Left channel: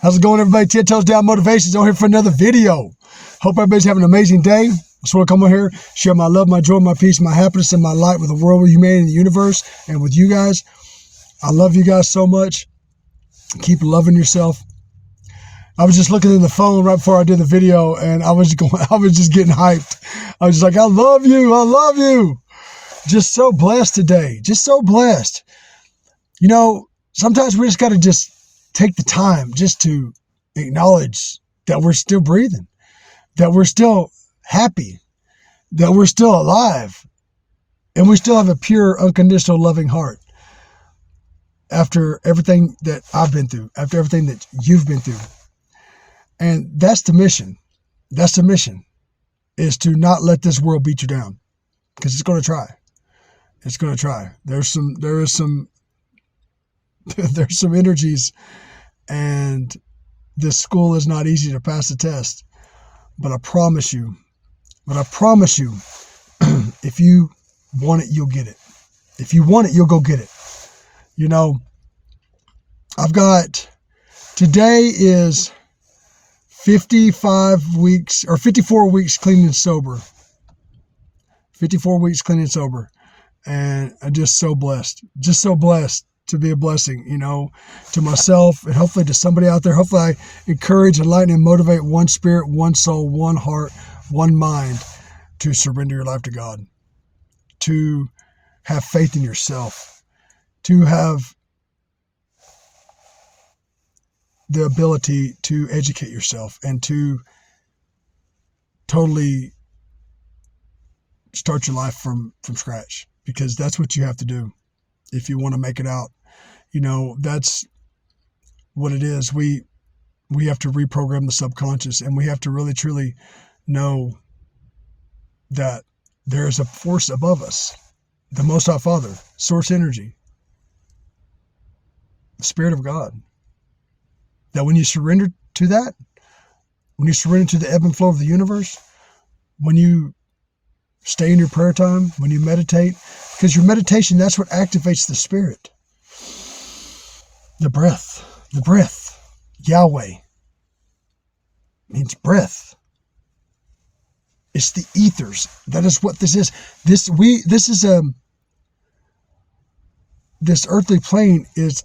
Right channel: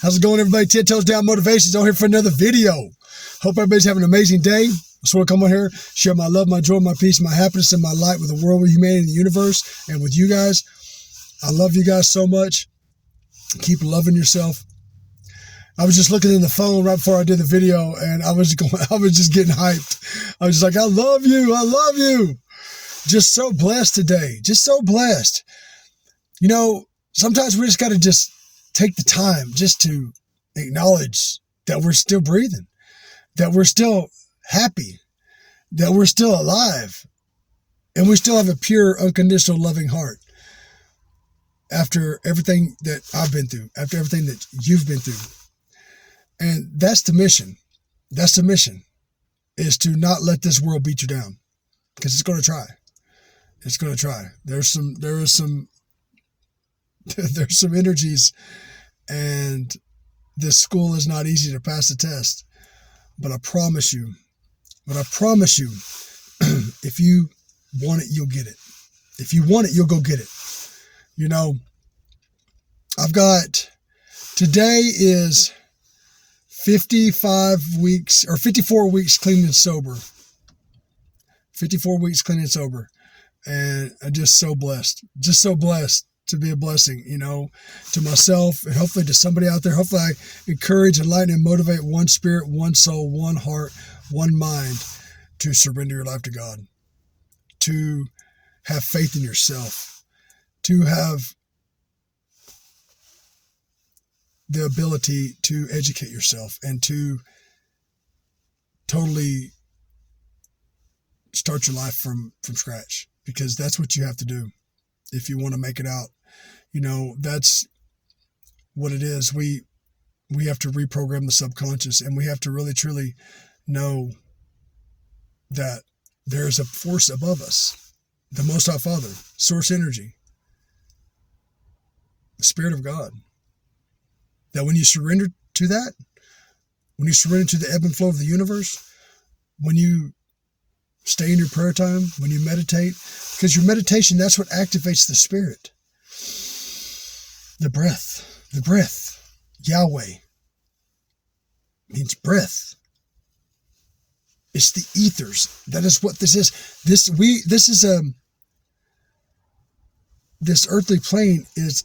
How's it going, everybody? 10 Toes Down Motivations on here for another video. Hope everybody's having an amazing day. I just want to come on here, share my love, my joy, my peace, my happiness, and my light with the world, with humanity, and the universe, and with you guys. I love you guys so much. Keep loving yourself. I was just looking in the phone right before I did the video, and I was just getting hyped. I was just like, I love you. I love you. Just so blessed today. Just so blessed. You know, sometimes we just got to just take the time just to acknowledge that we're still breathing, that we're still happy, that we're still alive, and we still have a pure, unconditional, loving heart. After everything that I've been through, after everything that you've been through. And that's the mission. That's the mission, is to not let this world beat you down, because it's going to try. It's going to try. There's some energies, and this school is not easy to pass the test. But I promise you, if you want it, you'll get it. If you want it, you'll go get it. You know, today is 55 weeks or 54 weeks clean and sober. 54 weeks clean and sober. And I'm just so blessed to be a blessing, you know, to myself and hopefully to somebody out there. Hopefully I encourage, enlighten, and motivate one spirit, one soul, one heart, one mind to surrender your life to God, to have faith in yourself, to have the ability to educate yourself and to totally start your life from scratch, because that's what you have to do if you want to make it out. You know, that's what it is. We have to reprogram the subconscious, and we have to really truly know that there is a force above us, the Most High Father, source energy, the Spirit of God. That when you surrender to that, when you surrender to the ebb and flow of the universe, when you stay in your prayer time, when you meditate, because your meditation, that's what activates the spirit. The breath, Yahweh means breath. It's the ethers. That is what this is. This earthly plane is,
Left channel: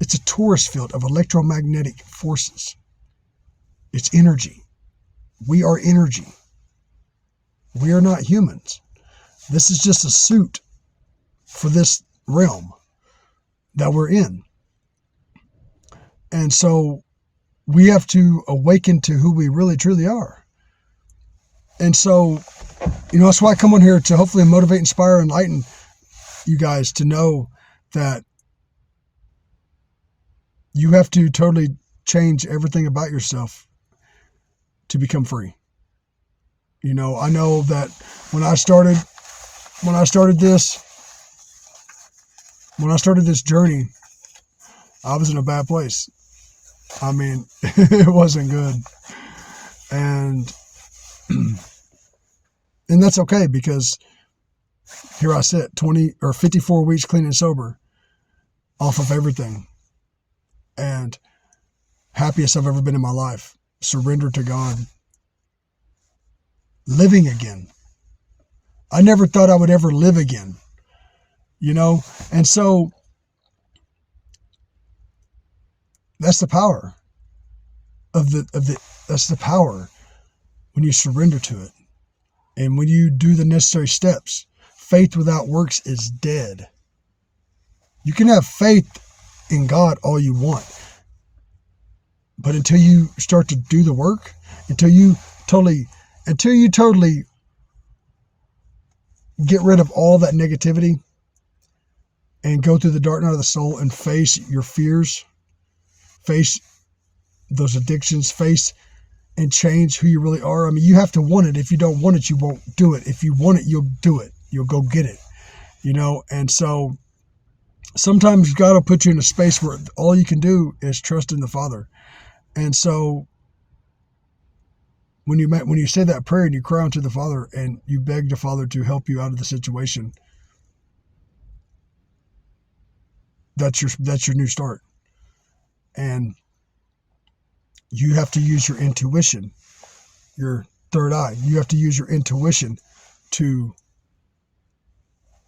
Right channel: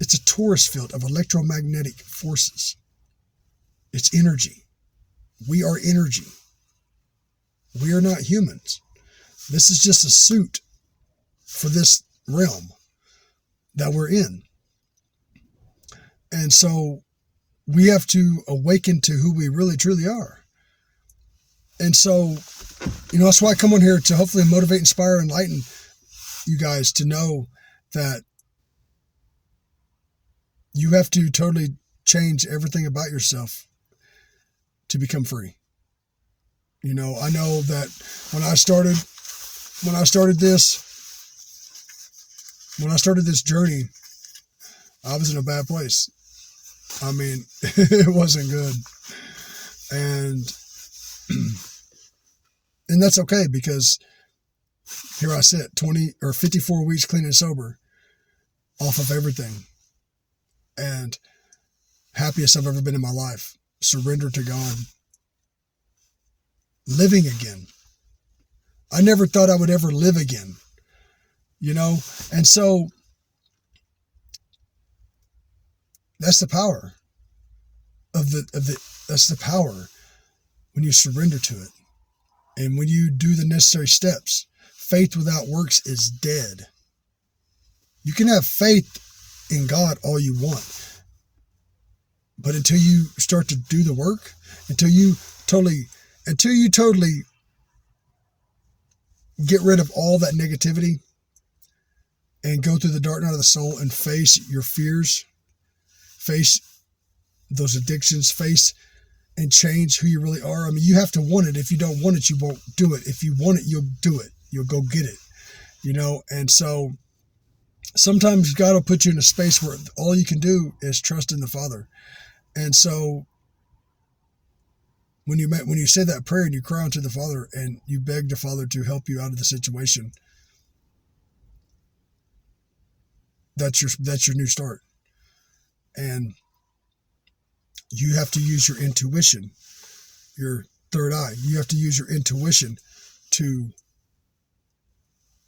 it's a torus field of electromagnetic forces. It's energy. We are energy. We are not humans. This is just a suit for this realm that we're in. And so we have to awaken to who we really truly are. And so, you know, that's why I come on here, to hopefully motivate, inspire, enlighten you guys to know that you have to totally change everything about yourself to become free. You know, I know that when I started this journey, I was in a bad place. I mean, it wasn't good. And that's okay, because here I sit, 54 weeks clean and sober, off of everything, and happiest I've ever been in my life, surrendered to God, living again. I never thought I would ever live again, you know? And so that's the power that's the power when you surrender to it. And when you do the necessary steps. Faith without works is dead. You can have faith in God all you want, but until you start to do the work, until you totally get rid of all that negativity and go through the dark night of the soul and face your fears, face those addictions, face and change who you really are. I mean, you have to want it. If you don't want it, you won't do it. If you want it, you'll do it. You'll go get it, you know? And so sometimes God will put you in a space where all you can do is trust in the Father. And so when you say that prayer and you cry unto the Father and you beg the Father to help you out of the situation, that's your new start. And You have to use your intuition, your third eye. You have to use your intuition to,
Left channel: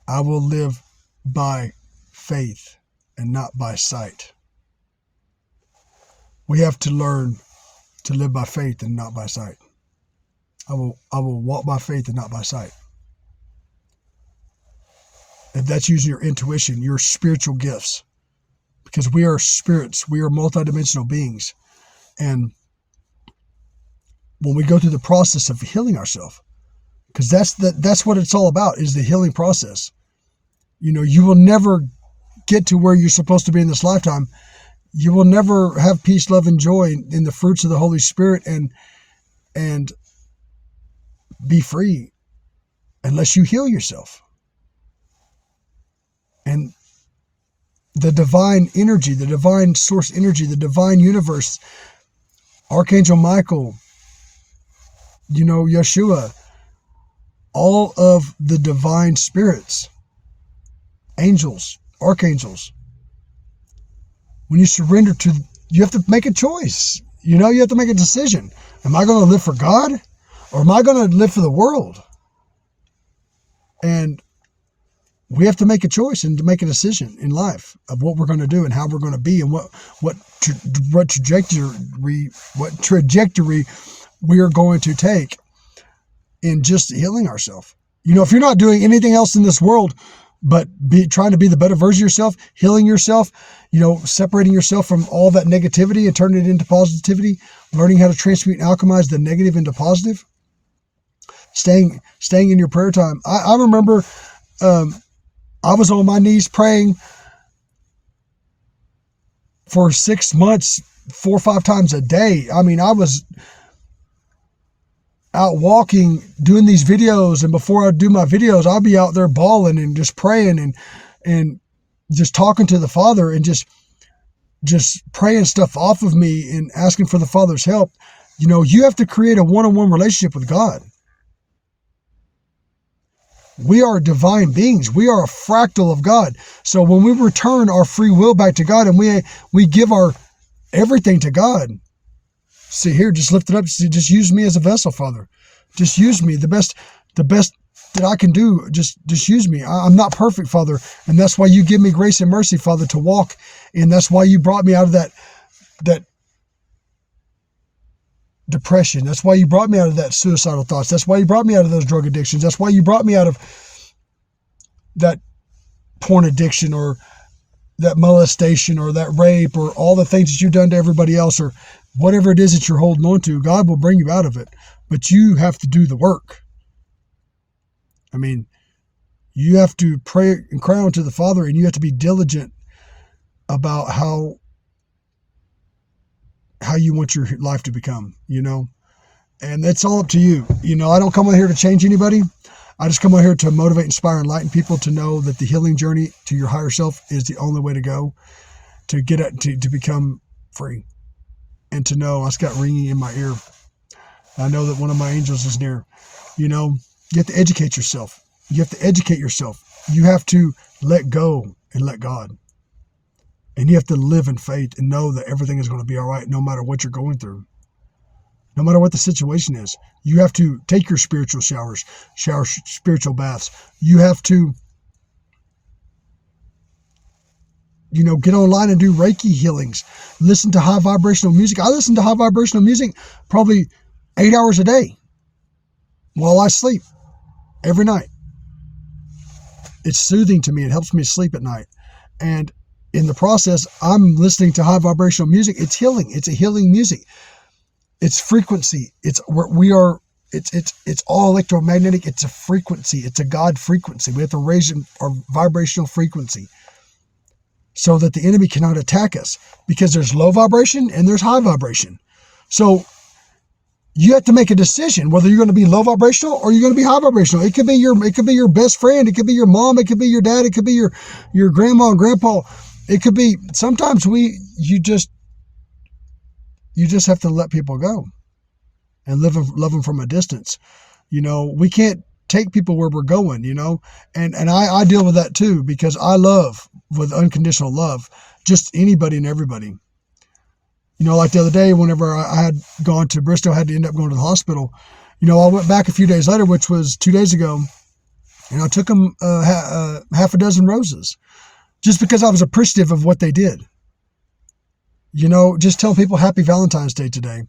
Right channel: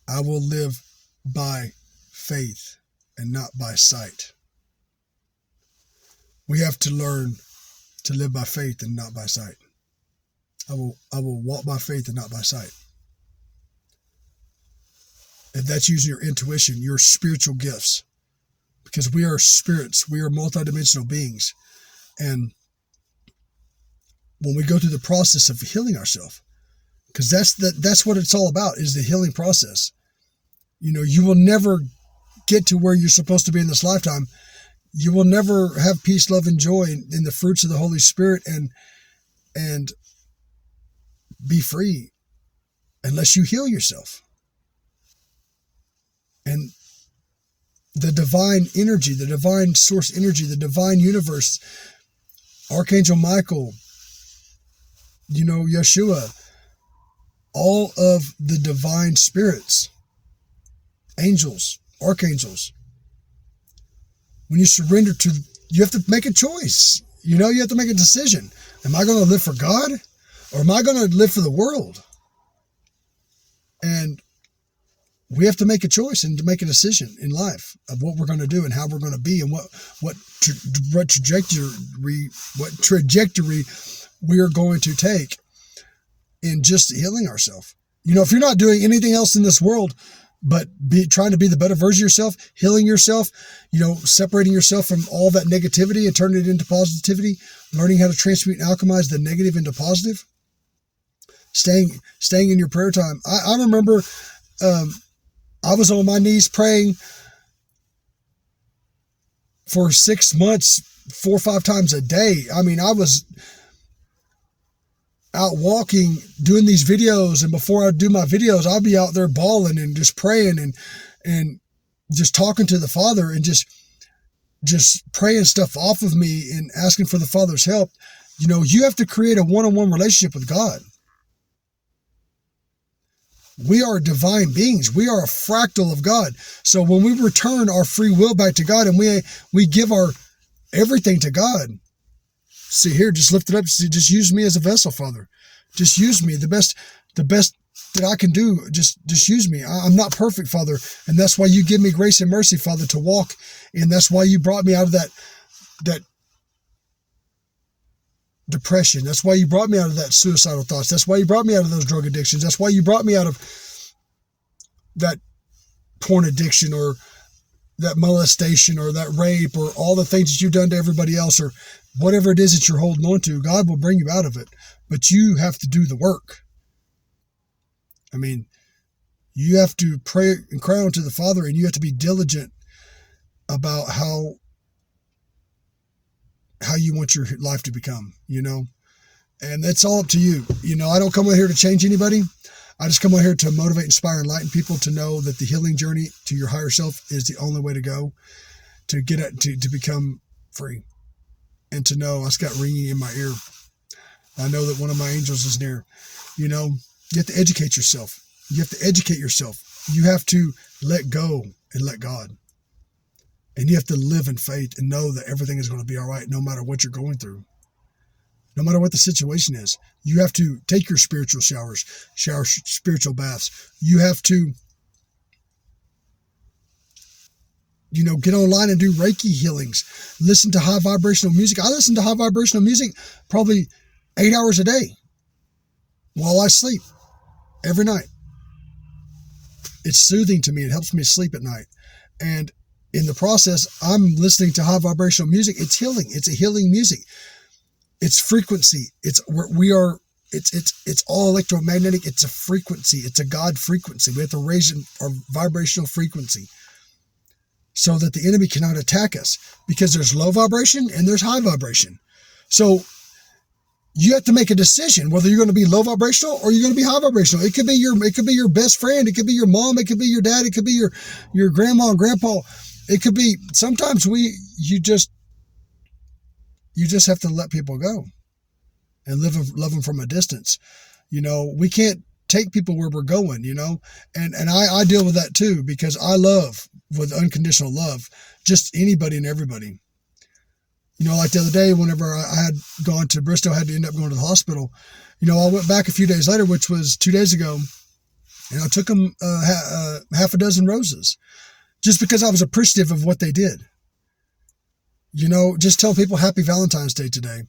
I will live by faith and not by sight. We have to learn to live by faith and not by sight. I will walk by faith and not by sight. And that's using your intuition, your spiritual gifts. Because we are spirits, we are multidimensional beings. And when we go through the process of healing ourselves, because that's what it's all about, is the healing process. You know, you will never get to where you're supposed to be in this lifetime. You will never have peace, love, and joy in the fruits of the Holy Spirit and be free unless you heal yourself. And the divine energy, the divine source energy, the divine universe, Archangel Michael, you know, Yeshua, all of the divine spirits, angels, archangels, when you surrender to, you have to make a choice. You know, you have to make a decision. Am I going to live for God or am I going to live for the world? And we have to make a choice and to make a decision in life of what we're going to do and how we're going to be and what trajectory we are going to take in just healing ourselves. You know, if you're not doing anything else in this world but trying to be the better version of yourself, healing yourself, you know, separating yourself from all that negativity and turning it into positivity, learning how to transmute and alchemize the negative into positive, staying in your prayer time. I remember I was on my knees praying for 6 months, 4 or 5 times a day. I mean, I was out walking, doing these videos, and before I do my videos, I'll be out there bawling and just praying and just talking to the Father and just praying stuff off of me and asking for the Father's help. You know, you have to create a one-on-one relationship with God. We are divine beings. We are a fractal of God. So when we return our free will back to God and we give our everything to God, see here, just lift it up. Just use me as a vessel, Father. Just use me. The best that I can do. Just use me. I'm not perfect, Father. And that's why you give me grace and mercy, Father, to walk. And that's why you brought me out of that depression. That's why you brought me out of that suicidal thoughts. That's why you brought me out of those drug addictions. That's why you brought me out of that porn addiction or that molestation or that rape or all the things that you've done to everybody else or whatever it is that you're holding on to. God will bring you out of it, but you have to do the work. I mean, you have to pray and cry unto the Father, and you have to be diligent about how you want your life to become, you know, and it's all up to you. You know, I don't come out here to change anybody. I just come out here to motivate, inspire, enlighten people to know that the healing journey to your higher self is the only way to go, to get at, to become free, and to know. I just got ringing in my ear. I know that one of my angels is near. You know, you have to educate yourself. You have to educate yourself. You have to let go and let God. And you have to live in faith and know that everything is going to be all right no matter what you're going through. No matter what the situation is. You have to take your spiritual showers, spiritual baths. You have to, you know, get online and do Reiki healings. Listen to high vibrational music. I listen to high vibrational music probably 8 hours a day while I sleep every night. It's soothing to me. It helps me sleep at night. And in the process, I'm listening to high vibrational music. It's healing. It's a healing music. It's frequency. It's all electromagnetic. It's a frequency. It's a God frequency. We have to raise our vibrational frequency so that the enemy cannot attack us, because there's low vibration and there's high vibration. So you have to make a decision whether you're going to be low vibrational or you're going to be high vibrational. It could be your best friend. It could be your mom. It could be your dad. It could be your grandma and grandpa. It could be, sometimes you just have to let people go and love them from a distance. You know, we can't take people where we're going, you know, and I deal with that too, because I love with unconditional love, just anybody and everybody. Like the other day, whenever I had gone to Bristol, I had to end up going to the hospital. I went back a few days later, which was 2 days ago, and I took them half a dozen roses just because I was appreciative of what they did. Just telling people happy Valentine's Day today.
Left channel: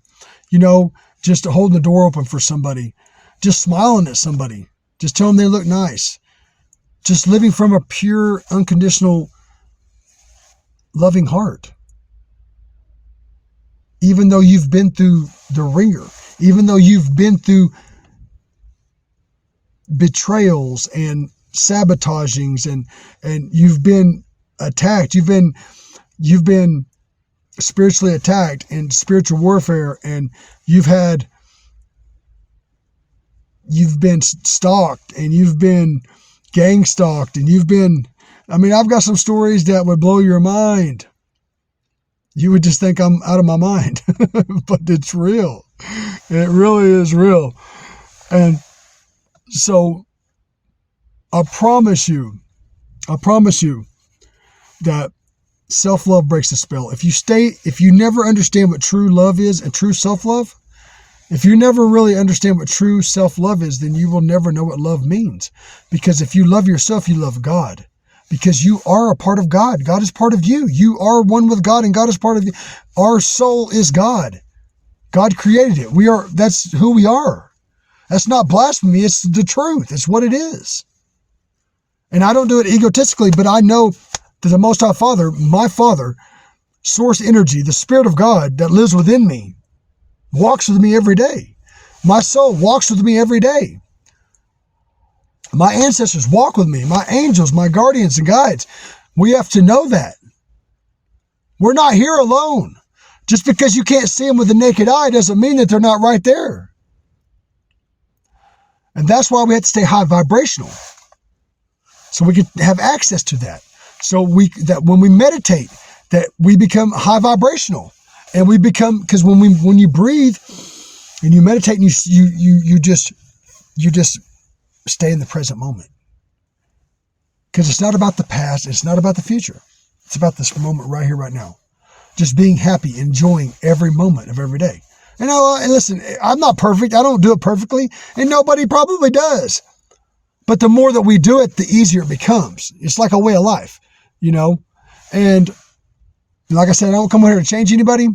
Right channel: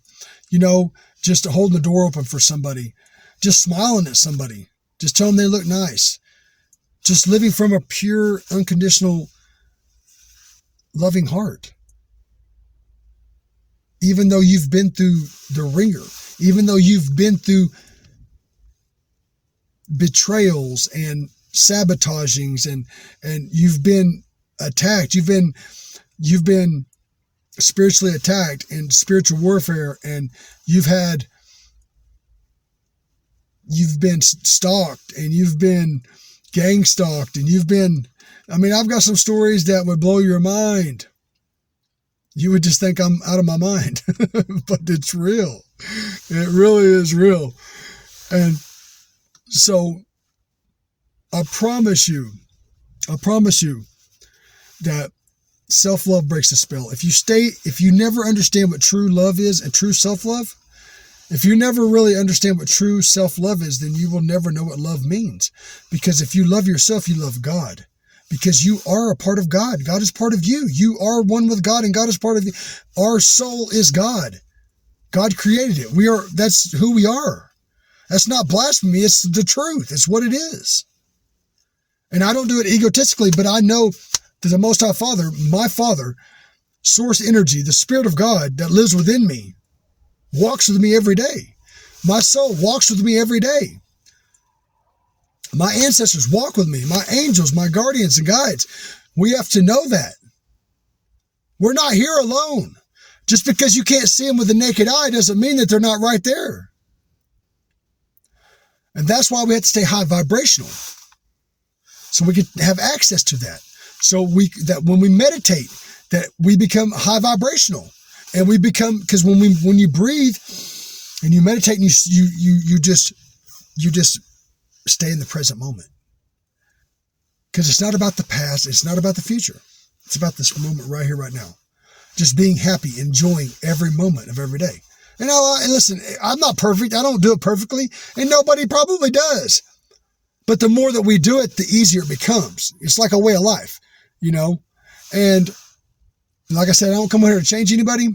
Just holding the door open for somebody, just smiling at somebody, just telling them they look nice, just living from a pure, unconditional, loving heart. Even though you've been through the ringer, even though you've been through betrayals and sabotagings and you've been attacked, you've been spiritually attacked and spiritual warfare, and you've been stalked and you've been gang stalked and I've got some stories that would blow your mind. You would just think I'm out of my mind, but it's real. It really is real. And so I promise you that self-love breaks the spell. If you never understand what true love is and true self-love, if you never really understand what true self-love is, then you will never know what love means. Because if you love yourself, you love God. Because you are a part of God. God is part of you. You are one with God, and God is part of you. Our soul is God. God created it. That's who we are. That's not blasphemy. It's the truth. It's what it is. And I don't do it egotistically, but I know that the Most High Father, my Father, source energy, the Spirit of God that lives within me, walks with me every day. My soul walks with me every day. My ancestors walk with me, my angels, my guardians and guides. We have to know that. We're not here alone. Just because you can't see them with the naked eye doesn't mean that they're not right there. And that's why we have to stay high vibrational. So we can have access to that. So that when we meditate, that we become high vibrational. And we become, because when you breathe and you meditate and you just stay in the present moment. Because it's not about the past. It's not about the future. It's about this moment right here, right now. Just being happy, enjoying every moment of every day. And listen, I'm not perfect. I don't do it perfectly. And nobody probably does. But the more that we do it, the easier it becomes. It's like a way of life, And like I said, I don't come on here to change anybody.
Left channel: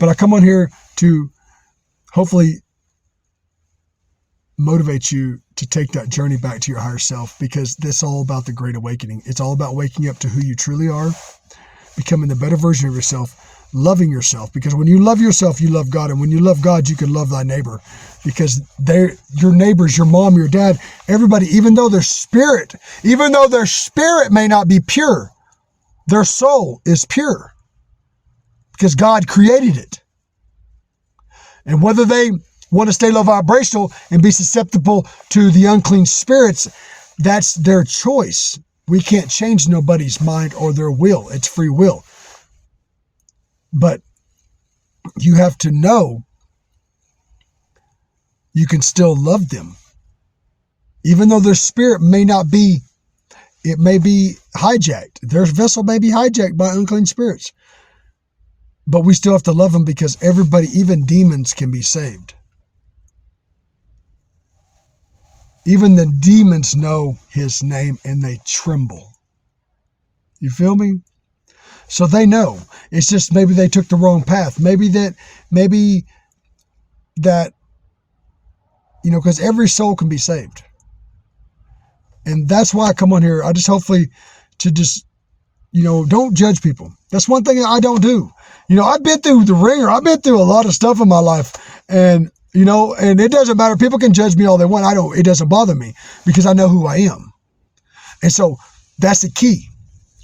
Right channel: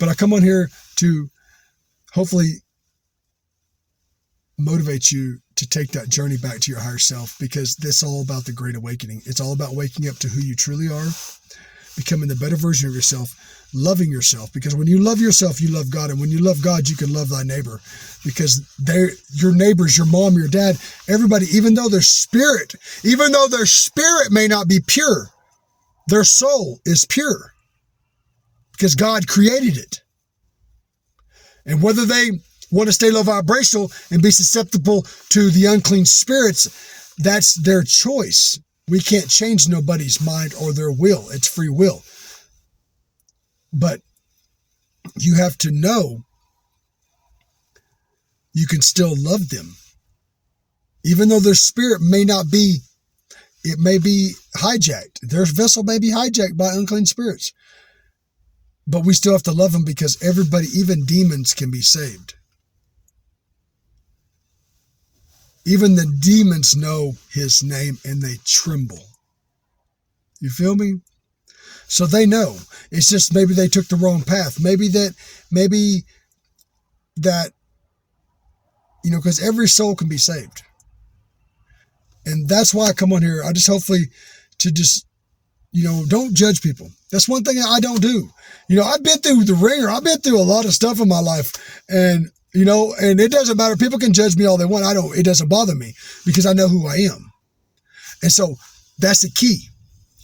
But I come on here to hopefully motivate you to take that journey back to your higher self, because this is all about the Great Awakening. It's all about waking up to who you truly are, becoming the better version of yourself, loving yourself, because when you love yourself, you love God. And when you love God, you can love thy neighbor, because they're your neighbors, your mom, your dad, everybody, even though their spirit may not be pure, their soul is pure because God created it. And whether they want to stay low vibrational and be susceptible to the unclean spirits, that's their choice. We can't change nobody's mind or their will. It's free will. But you have to know you can still love them. Even though their spirit may not be, it may be hijacked. Their vessel may be hijacked by unclean spirits. But we still have to love them, because everybody, even demons, can be saved. Even the demons know his name and they tremble. You feel me? So they know. It's just maybe they took the wrong path. Maybe that, because every soul can be saved. And that's why I come on here. I just hopefully to just, don't judge people. That's one thing I don't do. I've been through the ringer. I've been through a lot of stuff in my life. And it doesn't matter. People can judge me all they want. It doesn't bother me, because I know who I am. And so that's the key,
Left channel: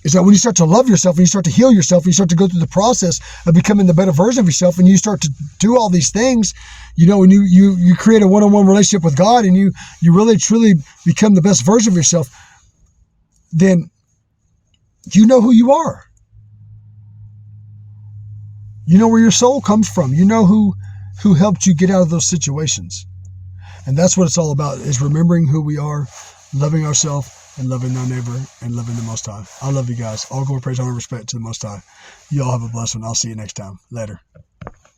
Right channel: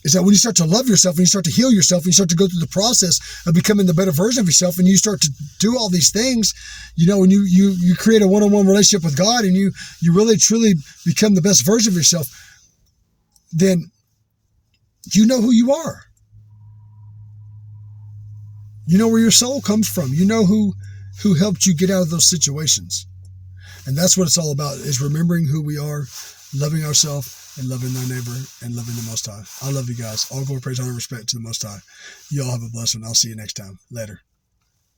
is that when you start to love yourself and you start to heal yourself and you start to go through the process of becoming the better version of yourself, and you start to do all these things, when you create a one-on-one relationship with God, and you really truly become the best version of yourself, then you know who you are. You know where your soul comes from. You know who helped you get out of those situations. And that's what it's all about, is remembering who we are, loving ourselves, and loving thy neighbor and loving the Most High. I love you guys. All glory, praise, honor, respect to the Most High. You all have a blessed one. I'll see you next time. Later.